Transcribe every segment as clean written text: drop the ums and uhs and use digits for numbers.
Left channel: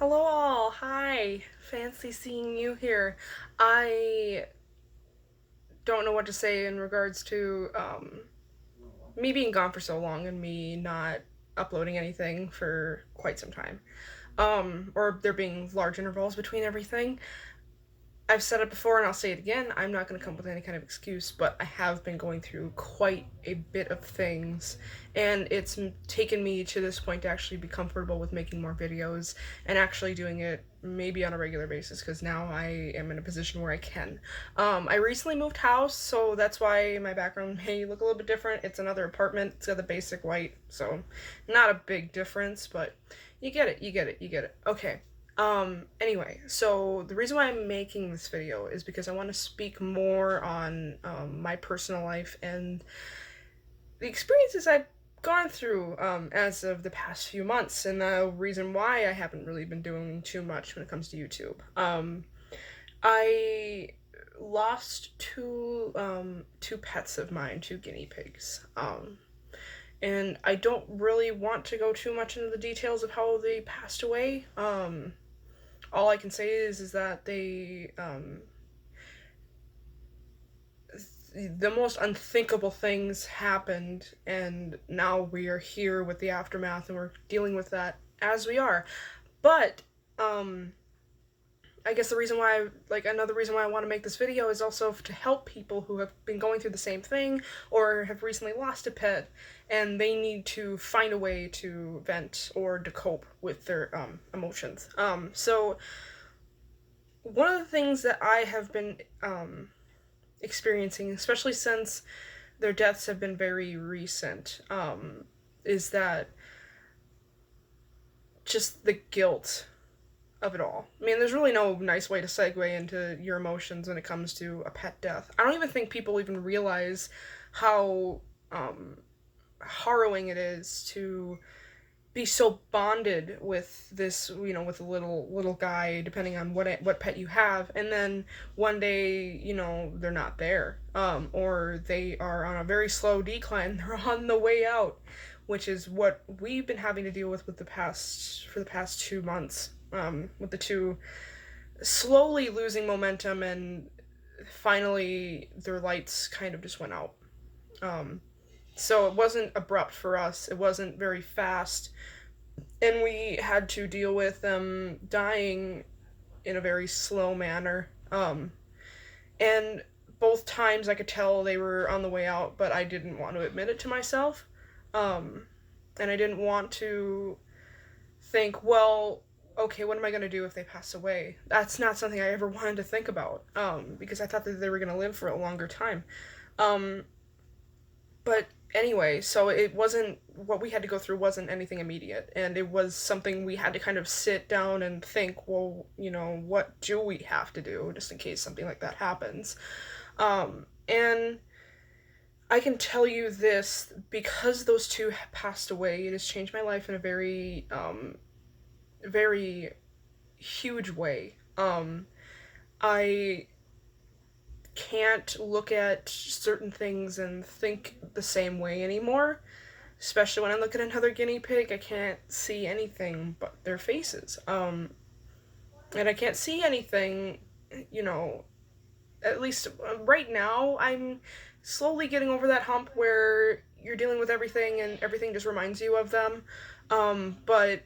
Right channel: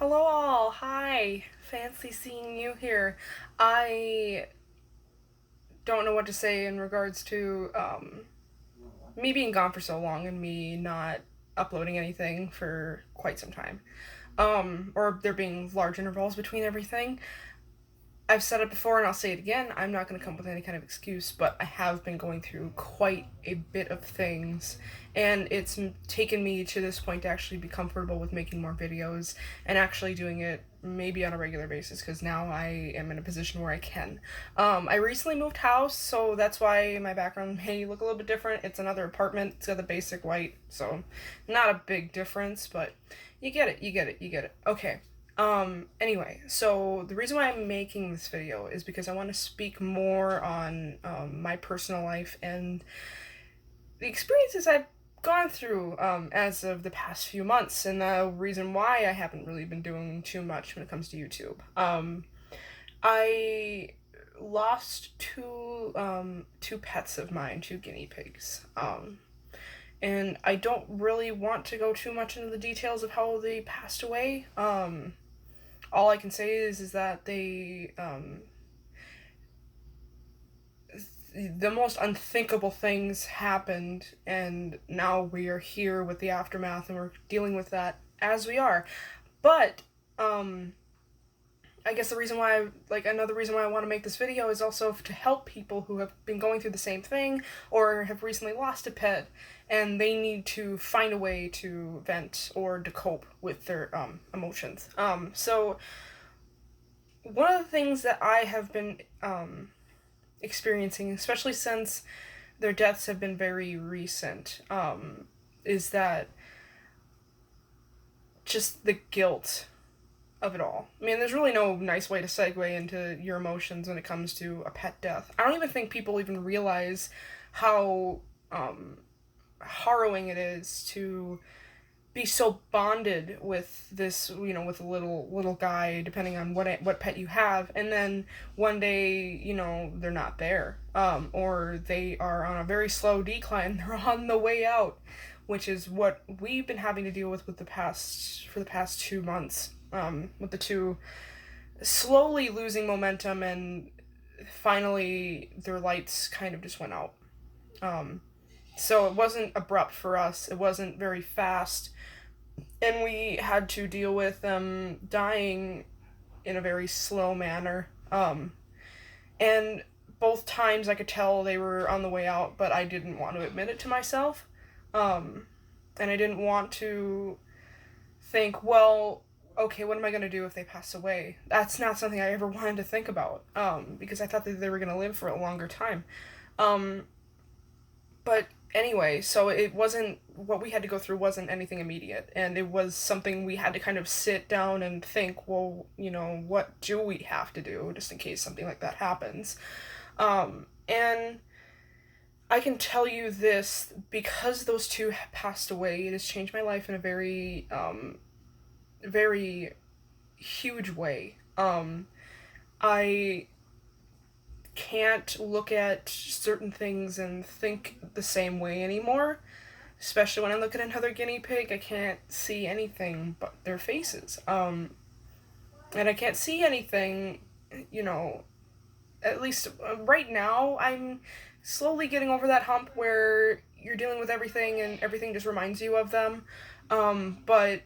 Hello all, hi. Fancy seeing you here. I don't know what to say in regards to me being gone for so long and me not uploading anything for quite some time. Or there being large intervals between everything. I've said it before and I'll say it again. I'm not going to come up with any kind of excuse, but I have been going through quite a bit of things, and it's taken me to this point to actually be comfortable with making more videos and actually doing it maybe on a regular basis because now I am in a position where I can. I recently moved house, so that's why my background may look a little bit different. It's another apartment, it's got the basic white, so not a big difference, but you get it, you get it, you get it. Okay. Anyway, so the reason why I'm making this video is because I want to speak more on my personal life and the experiences I've gone through as of the past few months, and the reason why I haven't really been doing too much when it comes to YouTube. I lost two pets of mine, two guinea pigs. And I don't really want to go too much into the details of how they passed away. All I can say is that the most unthinkable things happened, and now we are here with the aftermath, and we're dealing with that as we are. But I guess another reason why I want to make this video is also to help people who have been going through the same thing or have recently lost a pet and they need to find a way to vent or to cope with their emotions. So one of the things that I have been experiencing, especially since their deaths have been very recent, is that just the guilt of it all. I mean, there's really no nice way to segue into your emotions when it comes to a pet death. I don't even think people even realize how harrowing it is to be so bonded with this, with a little guy, depending on what pet you have, and then one day, they're not there, or they are on a very slow decline. They're on the way out, which is what we've been having to deal with for the past 2 months, with the two slowly losing momentum, and finally their lights kind of just went out. So it wasn't abrupt for us. It wasn't very fast, and we had to deal with them dying in a very slow manner. And both times I could tell they were on the way out, but I didn't want to admit it to myself. And I didn't want to think, well, okay, what am I going to do if they pass away? That's not something I ever wanted to think about, because I thought that they were going to live for a longer time. But anyway, so it wasn't, what we had to go through wasn't anything immediate, and it was something we had to kind of sit down and think, well, what do we have to do just in case something like that happens? And I can tell you this, because those two passed away, it has changed my life in a very, very huge way. I can't look at certain things and think the same way anymore. Especially when I look at another guinea pig, I can't see anything but their faces. And I can't see anything, at least right now, I'm slowly getting over that hump where you're dealing with everything and everything just reminds you of them. But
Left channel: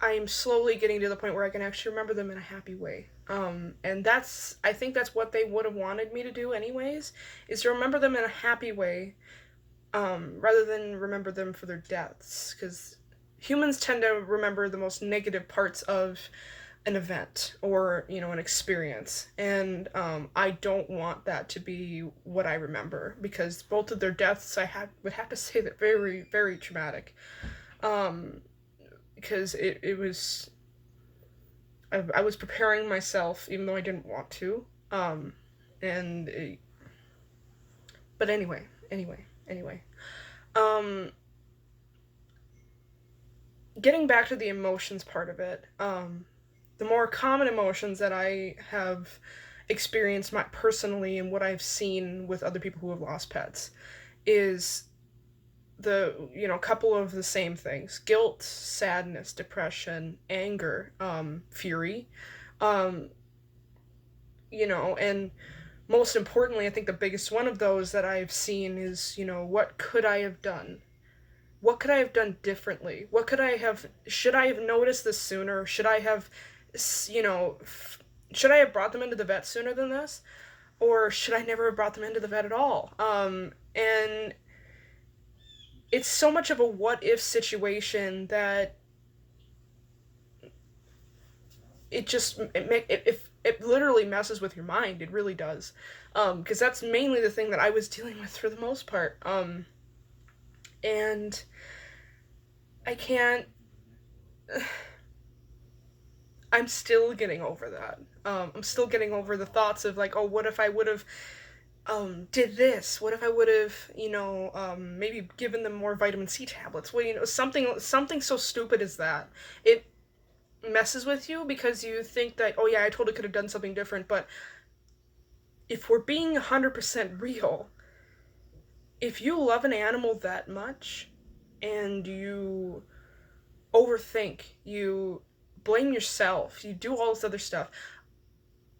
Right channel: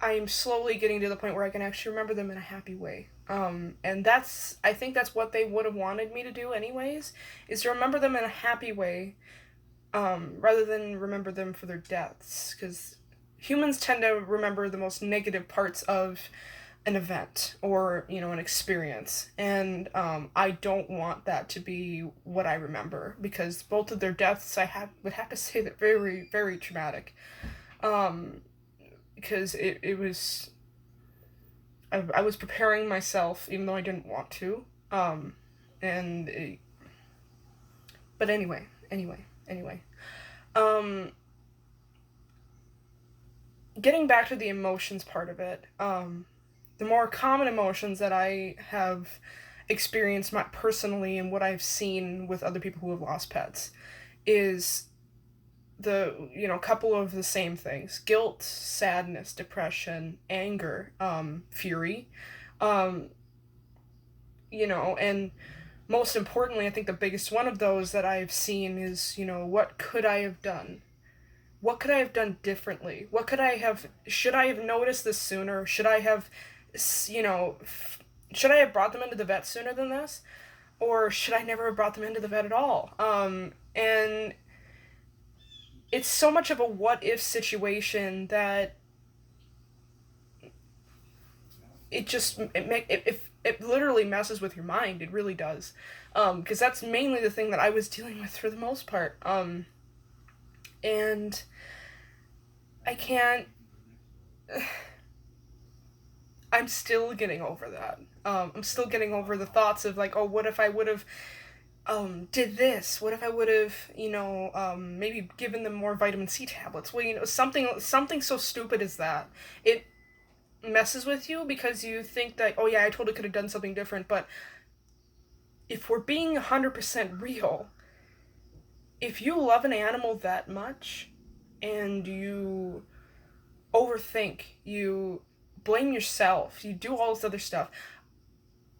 I'm slowly getting to the point where I can actually remember them in a happy way. And I think that's what they would have wanted me to do anyways, is to remember them in a happy way, rather than remember them for their deaths, because humans tend to remember the most negative parts of an event or, an experience, and I don't want that to be what I remember, because both of their deaths would have to say that very, very traumatic. Because it was, I was preparing myself even though I didn't want to, and it, but anyway, um, getting back to the emotions part of it, the more common emotions that I have experienced personally and what I've seen with other people who have lost pets is couple of the same things: guilt, sadness, depression, anger, fury, um, and most importantly, I think the biggest one of those that I've seen is, what could I have done? What could I have done differently? Should I have noticed this sooner? You know, should I have brought them into the vet sooner than this? Or should I never have brought them into the vet at all? And it's so much of a what if situation that it literally messes with your mind. It really does. Because that's mainly the thing that I was dealing with for the most part. And I can't. I'm still getting over that. I'm still getting over the thoughts of like, oh, what if I would have did this? What if I would have, maybe given them more vitamin C tablets? Well, something so stupid as that. It messes with you because you think that, oh yeah, I totally could have done something different. But if we're being 100% real, if you love an animal that much and you overthink, you blame yourself, you do all this other stuff,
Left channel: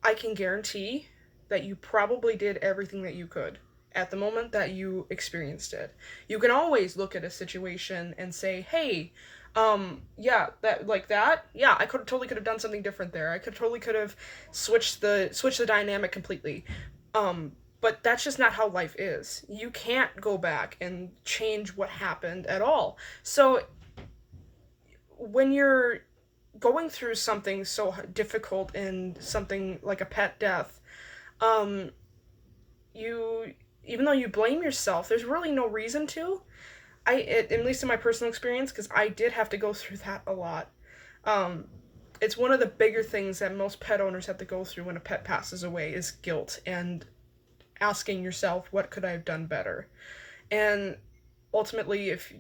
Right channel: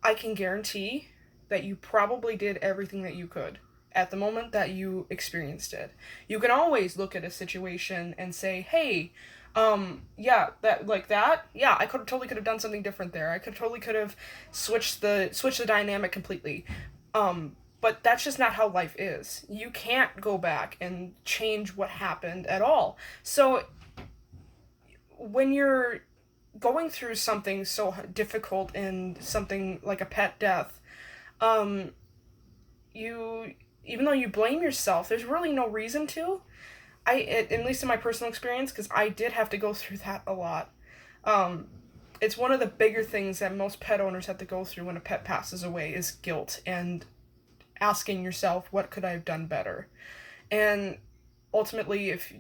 I can guarantee that you probably did everything that you could at the moment that you experienced it. You can always look at a situation and say, hey, yeah, I could have done something different there. I could have switched the dynamic completely. But that's just not how life is. You can't go back and change what happened at all. So when you're going through something so difficult and something like a pet death, um, you even though you blame yourself, there's really no reason to. At least in my personal experience, because I did have to go through that a lot. Um, it's one of the bigger things that most pet owners have to go through when a pet passes away is guilt and asking yourself, what could I have done better? And ultimately, if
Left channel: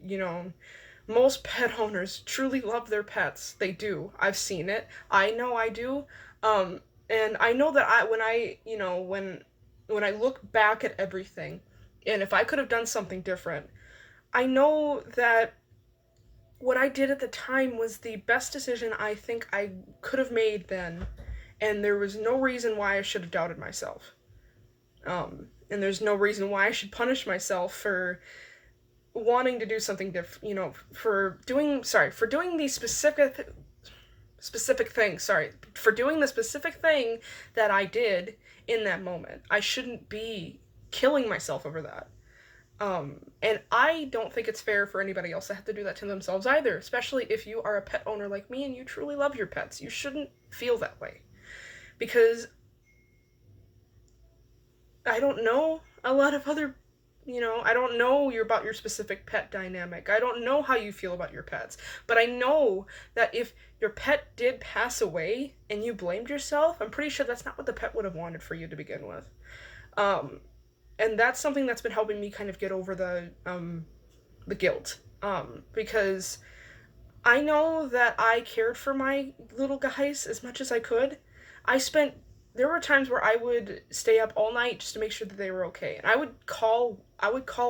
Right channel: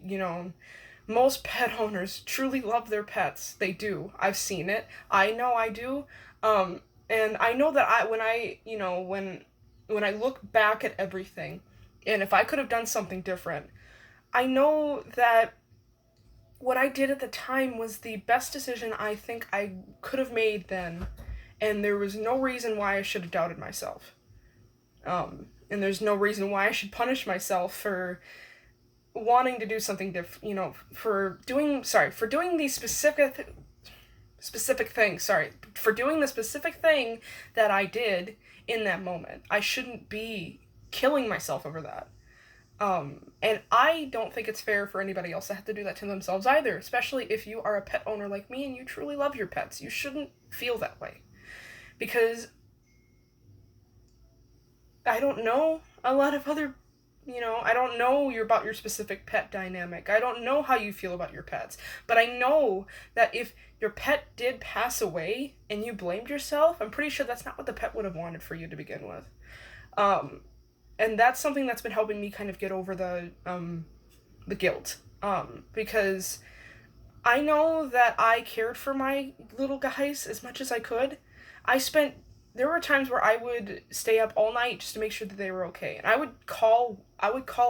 most pet owners truly love their pets. They do. I've seen it. I know I do. Um, and I know that when I look back at everything, and if I could have done something different, I know that what I did at the time was the best decision I think I could have made then, and there was no reason why I should have doubted myself. And there's no reason why I should punish myself for wanting to do something different, for doing these specific thing, for doing the specific thing that I did in that moment. I shouldn't be killing myself over that. And I don't think it's fair for anybody else to have to do that to themselves either, especially if you are a pet owner like me and you truly love your pets. You shouldn't feel that way. Because I don't know a lot of other I don't know about your specific pet dynamic. I don't know how you feel about your pets. But I know that if your pet did pass away and you blamed yourself, I'm pretty sure that's not what the pet would have wanted for you to begin with. Um, and that's something that's been helping me kind of get over the guilt. Because I know that I cared for my little guys as much as I could. I spent there were times where I would stay up all night just to make sure that they were okay. And I would call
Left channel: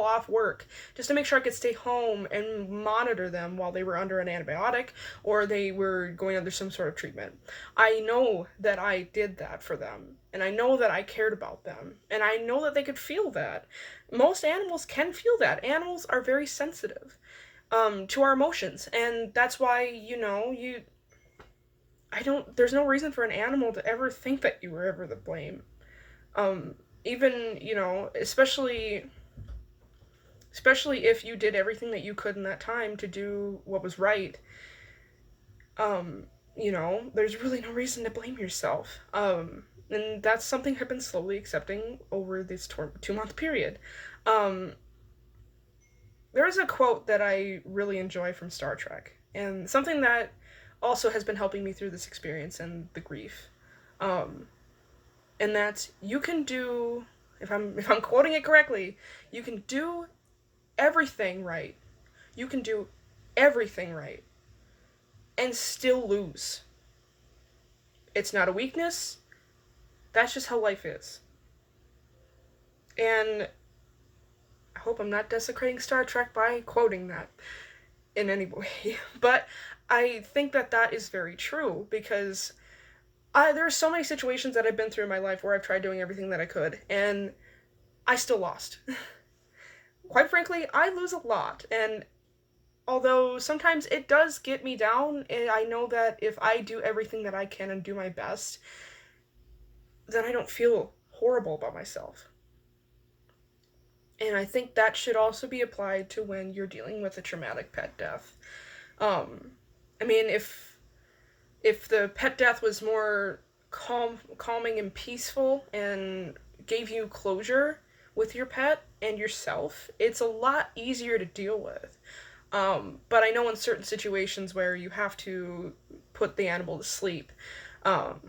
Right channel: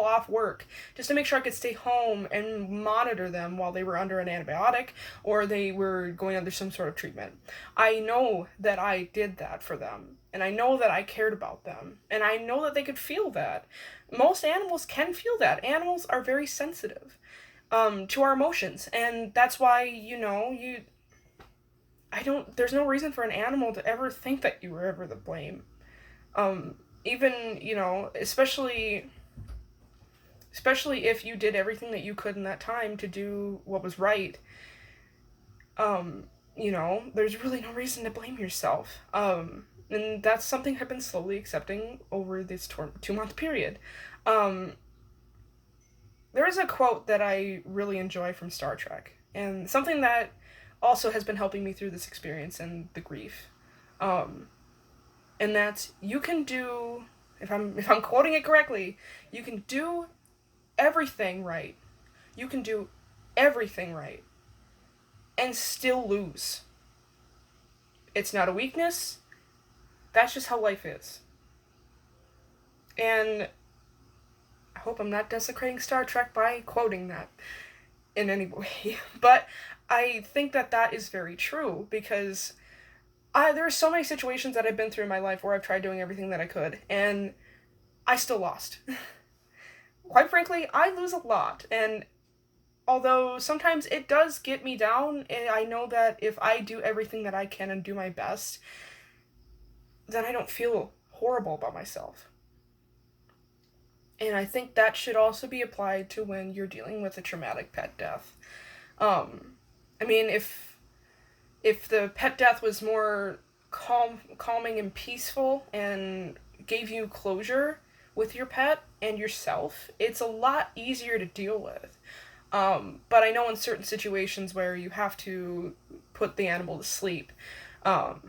off work just to make sure I could stay home and monitor them while they were under an antibiotic or they were going under some sort of treatment. I know that I did that for them, and I know that I cared about them, and I know that they could feel that. Most animals can feel that. Animals are very sensitive to our emotions, and that's why, I don't, there's no reason for an animal to ever think that you were ever the blame. Even, especially if you did everything that you could in that time to do what was right, there's really no reason to blame yourself. And that's something I've been slowly accepting over this 2-month period. Um, there is a quote that I really enjoy from Star Trek, and something that also has been helping me through this experience and the grief. Um, and that's you can do if I'm quoting it correctly, you can do everything right. You can do everything right and still lose. It's not a weakness. That's just how life is. And hope I'm not desecrating Star Trek by quoting that in any way. But I think that that is very true because there are so many situations that I've been through in my life where I've tried doing everything that I could, and I still lost. Quite frankly, I lose a lot, and although sometimes it does get me down, I know that if I do everything that I can and do my best, then I don't feel horrible about myself. And I think that should also be applied to when you're dealing with a traumatic pet death. Um, I mean, if the pet death was more calming and peaceful and gave you closure with your pet and yourself, it's a lot easier to deal with. But I know in certain situations where you have to put the animal to sleep, um,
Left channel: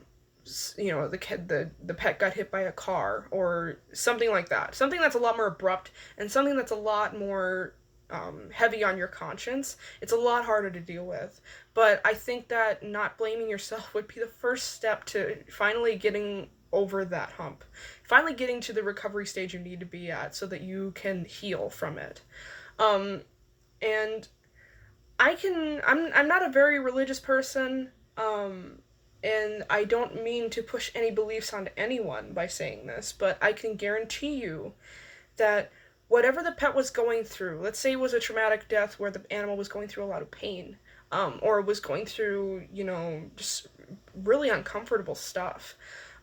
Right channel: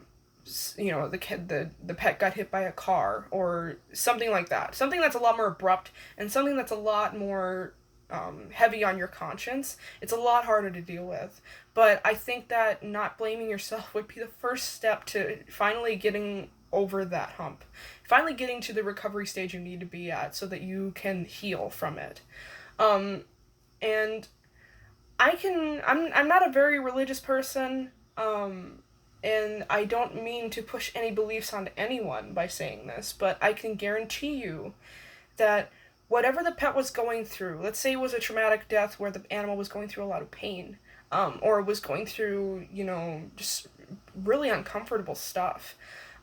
the pet got hit by a car or something like that. Something that's a lot more abrupt and something that's a lot more heavy on your conscience. It's a lot harder to deal with. But I think that not blaming yourself would be the first step to finally getting over that hump. Finally getting to the recovery stage you need to be at so that you can heal from it. Um, and I'm not a very religious person, and I don't mean to push any beliefs onto anyone by saying this, but I can guarantee you that whatever the pet was going through, let's say it was a traumatic death where the animal was going through a lot of pain, or was going through, just really uncomfortable stuff.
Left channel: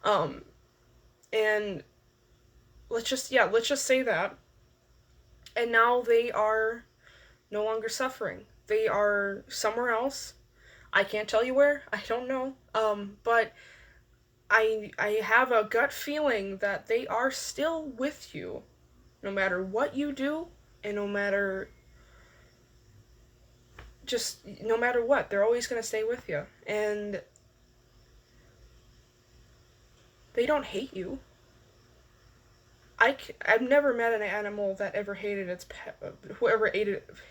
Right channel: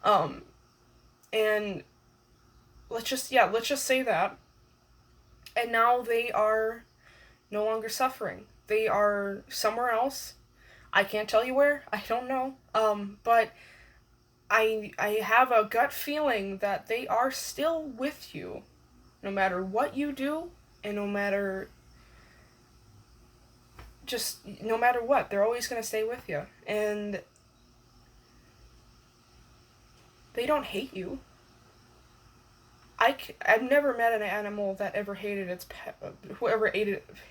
Um, and let's just say that. And now they are no longer suffering. They are somewhere else. I can't tell you where. I don't know. But I have a gut feeling that they are still with you, no matter what you do, and no matter what, they're always gonna stay with you, and they don't hate you. I've never met an animal that ever hated its pet, whoever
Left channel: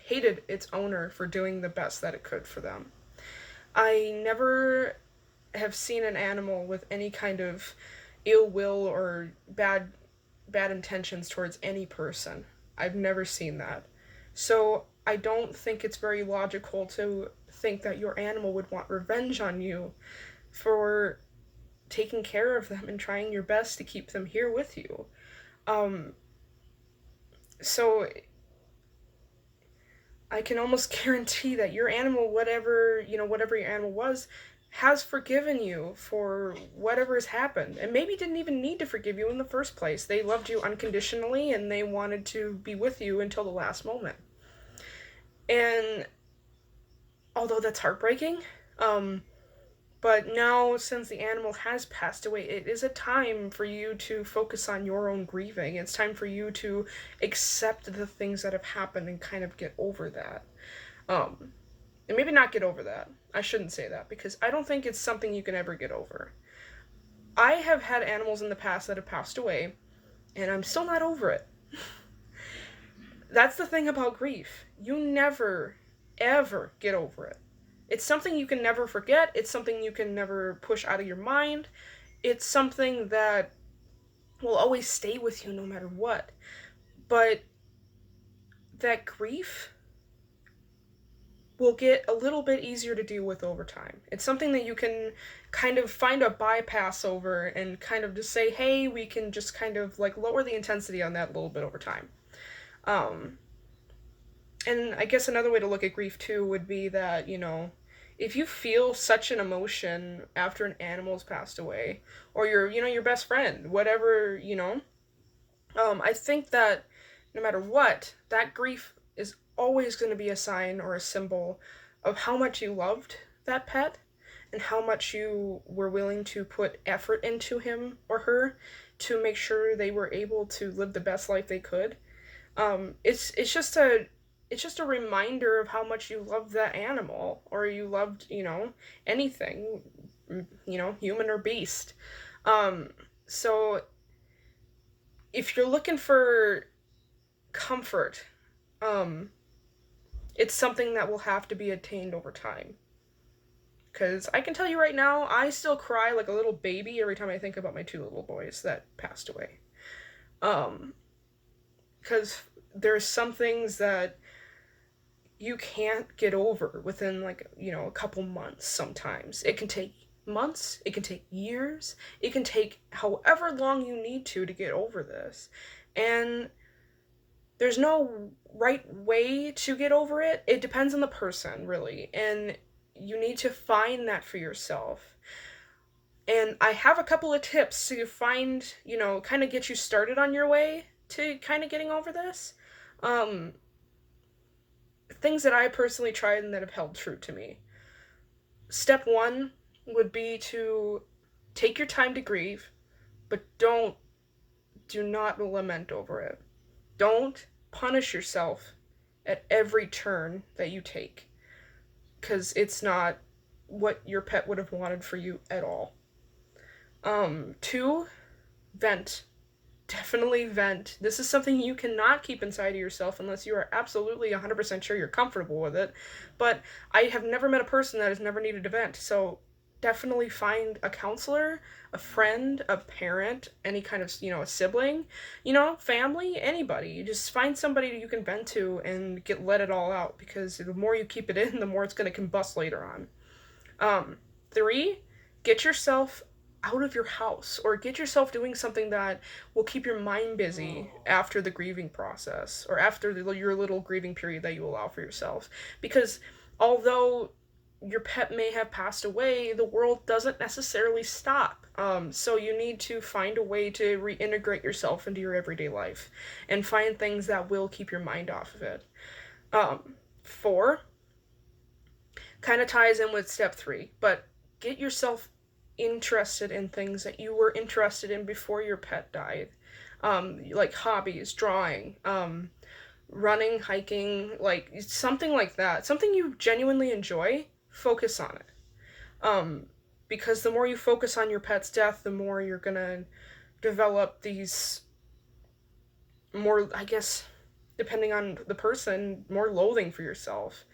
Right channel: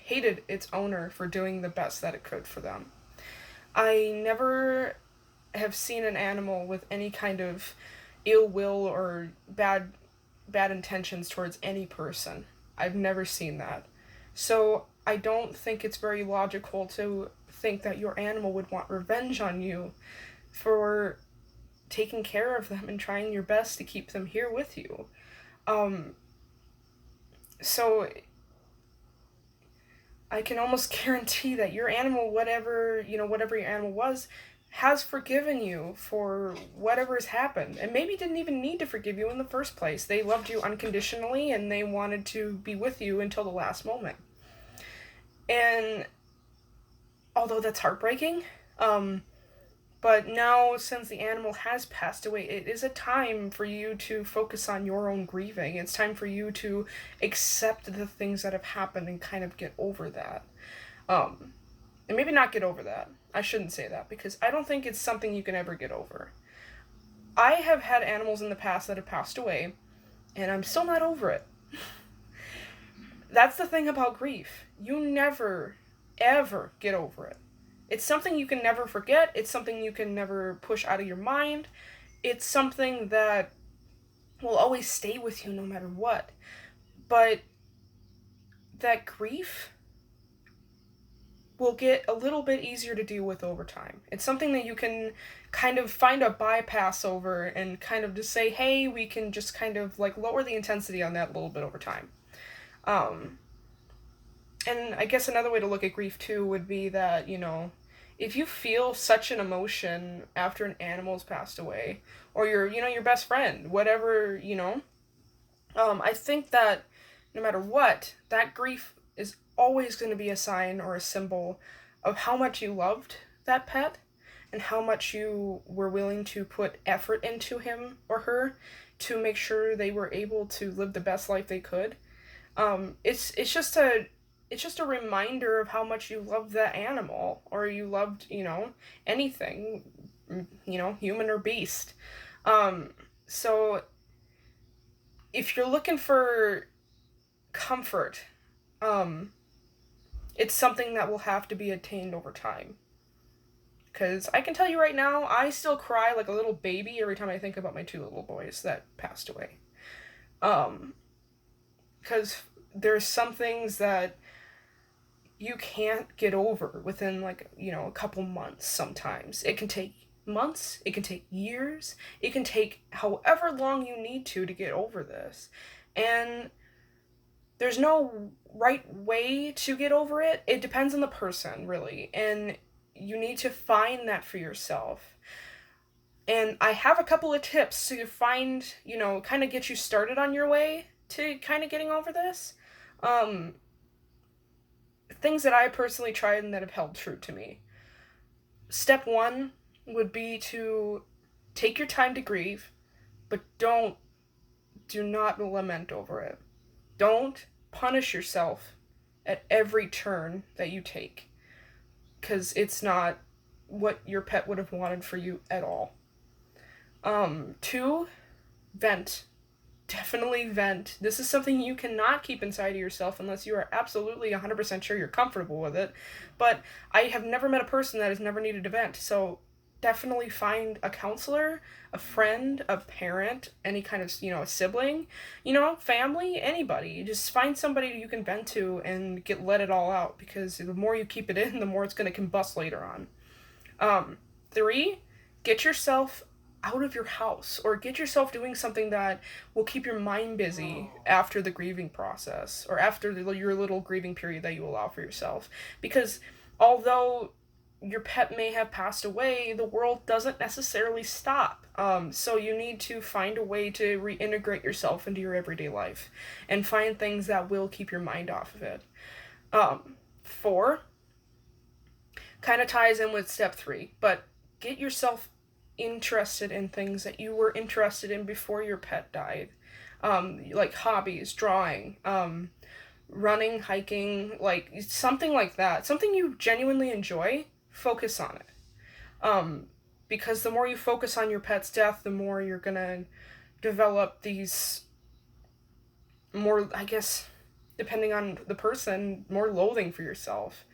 hated its owner for doing the best that it could for them. I never have seen an animal with any kind of ill will or bad intentions towards any person. I've never seen that. So I don't think it's very logical to think that your animal would want revenge on you for taking care of them and trying your best to keep them here with you. Um, so I can almost guarantee that your animal, whatever your animal was, has forgiven you for whatever has happened. And maybe didn't even need to forgive you in the first place. They loved you unconditionally and they wanted to be with you until the last moment. And although that's heartbreaking, but now, since the animal has passed away, it is a time for you to focus on your own grieving. It's time for you to accept the things that have happened and kind of get over that. And maybe not get over that. I shouldn't say that, because I don't think it's something you can ever get over. I have had animals in the past that have passed away, and I'm still not over it. That's the thing about grief. You never, ever get over it. It's something you can never forget. It's something you can never push out of your mind. It's something that will always stay with you no matter what. But that grief will get a little bit easier to deal with over time. It's something that you can kind of find a bypass over and kind of just say, hey, we can just kind of like lower the intensity on that a little bit over time. And I guess another way to look at grief too would be that, if you feel such an emotion after an animal's passed away, or your best friend, whatever, I think that no matter what, that grief is always going to be a sign or a symbol of how much you loved that pet and how much you were willing to put effort into him or her to make sure they were able to live the best life they could. It's just a reminder of how much you loved that animal, or you loved, anything, human or beast. So if you're looking for comfort, it's something that will have to be attained over time. Because I can tell you right now, I still cry like a little baby every time I think about my two little boys that passed away. Because there's some things that you can't get over within, like, a couple months. Sometimes it can take months, it can take years, it can take however long you need to get over this. And there's no right way to get over it. It depends on the person, really, and you need to find that for yourself. And I have a couple of tips to find, kind of get you started on your way to kind of getting over this. Um, Things that I personally tried and that have held true to me. Step one would be to take your time to grieve, but do not lament over it. Don't punish yourself at every turn that you take, because it's not what your pet would have wanted for you at all. Two, vent. Definitely vent. This is something you cannot keep inside of yourself unless you are absolutely 100% sure you're comfortable with it. But I have never met a person that has never needed to vent. So definitely find a counselor, a friend, a parent, any kind of, a sibling, family, anybody. Just find somebody you can vent to and let it all out, because the more you keep it in, the more it's going to combust later on. Three, get yourself out of your house, or get yourself doing something that will keep your mind busy after the grieving process, or after your little grieving period that you allow for yourself. Because although your pet may have passed away, the world doesn't necessarily stop. So you need to find a way to reintegrate yourself into your everyday life and find things that will keep your mind off of it. Four kind of ties in with step three, but get yourself interested in things that you were interested in before your pet died. Like hobbies, drawing, running, hiking, like something like that. Something you genuinely enjoy, focus on it. Because the more you focus on your pet's death, the more you're gonna develop these more, I guess, depending on the person, more loathing for yourself.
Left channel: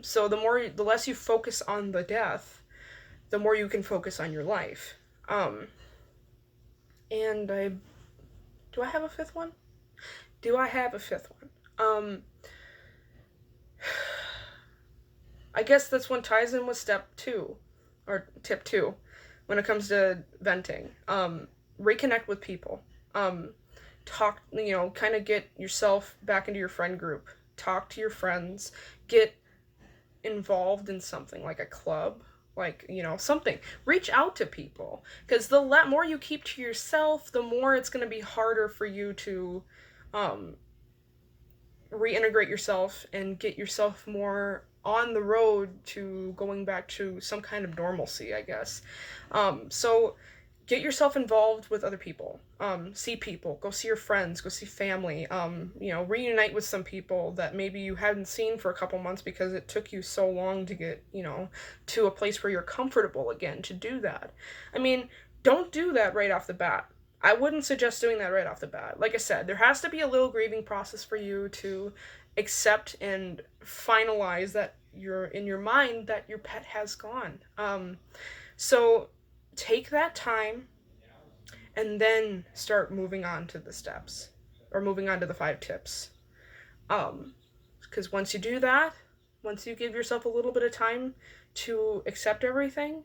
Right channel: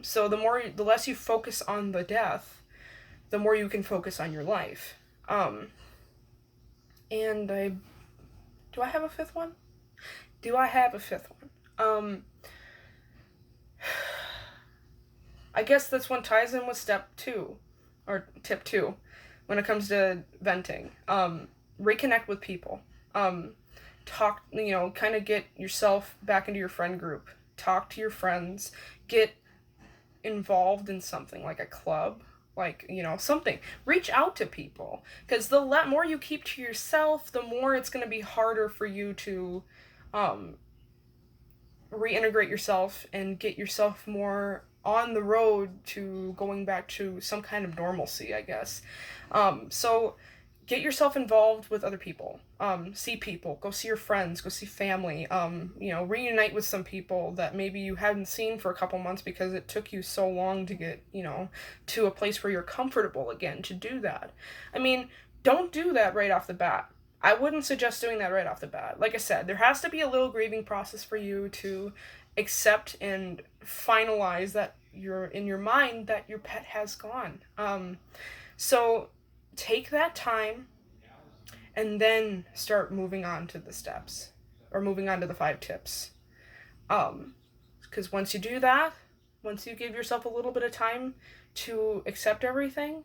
So the less you focus on the death, the more you can focus on your life. And do I have a fifth one? Do I have a fifth one? I guess this one ties in with step two, or tip two, when it comes to venting. Reconnect with people. Talk, kind of get yourself back into your friend group. Talk to your friends. Get involved in something like a club, like, something. Reach out to people, because the more you keep to yourself, the more it's going to be harder for you to reintegrate yourself and get yourself more on the road to going back to some kind of normalcy, I guess. So get yourself involved with other people. See people, go see your friends, go see family, reunite with some people that maybe you hadn't seen for a couple months because it took you so long to get, to a place where you're comfortable again to do that. I mean, don't do that right off the bat. I wouldn't suggest doing that right off the bat. Like I said, there has to be a little grieving process for you to accept and finalize that you're in your mind that your pet has gone. So take that time and then start moving on to the steps, or moving on to the 5 tips. Because once you do that, once you give yourself a little bit of time to accept everything,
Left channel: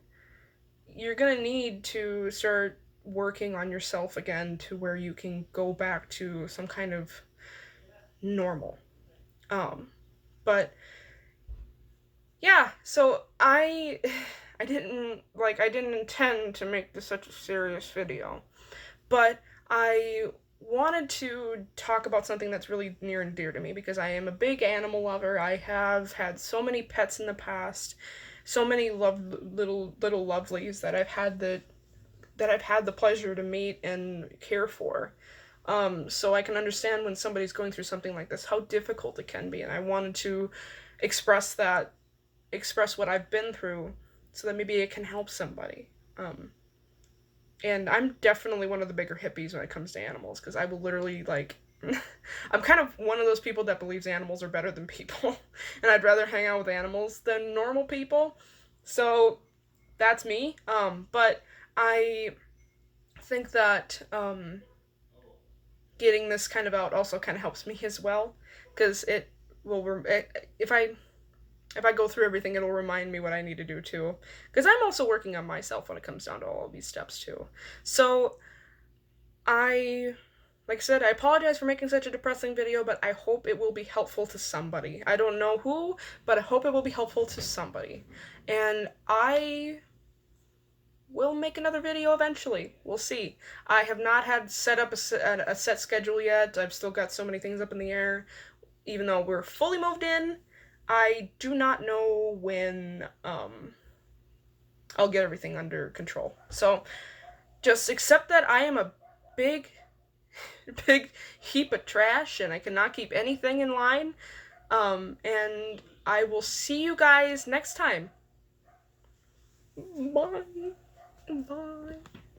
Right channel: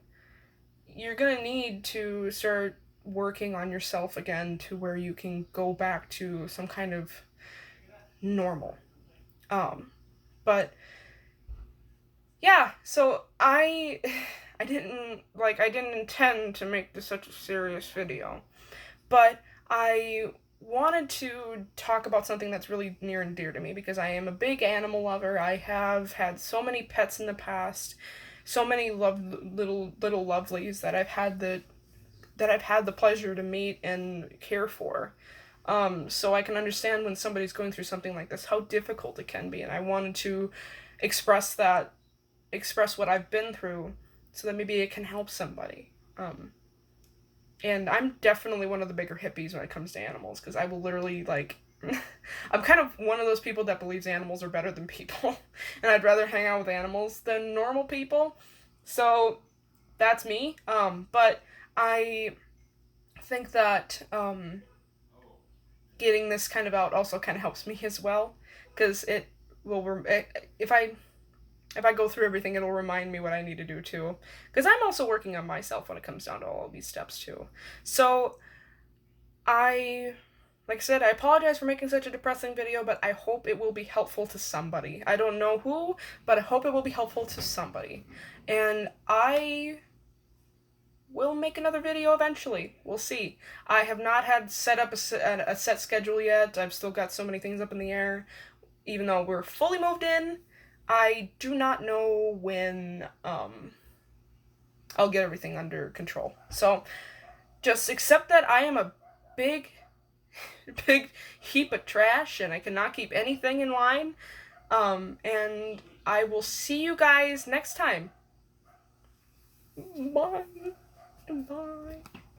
you're going to need to start working on yourself again to where you can go back to some kind of normal. But yeah, so I didn't intend to make this such a serious video, but I wanted to talk about something that's really near and dear to me, because I am a big animal lover. I have had so many pets in the past, so many little lovelies that I've had the pleasure to meet and care for. So I can understand when somebody's going through something like this, how difficult it can be, and I wanted to express what I've been through, so that maybe it can help somebody. And I'm definitely one of the bigger hippies when it comes to animals, because I will literally, I'm kind of one of those people that believes animals are better than people, and I'd rather hang out with animals than normal people. So that's me. But I think that getting this kind of out also kind of helps me as well, because it will if I go through everything, it'll remind me what I need to do too. Because I'm also working on myself when it comes down to all of these steps too. So like I said, I apologize for making such a depressing video, but I hope it will be helpful to somebody. I don't know who, but I hope it will be helpful to somebody. And I will make another video eventually. We'll see. I have not had set up a set schedule yet. I've still got so many things up in the air. Even though we're fully moved in, I do not know when I'll get everything under control. So just accept that I am a big heap of trash and I cannot keep anything in line. And I will see you guys next time. Bye. Bye.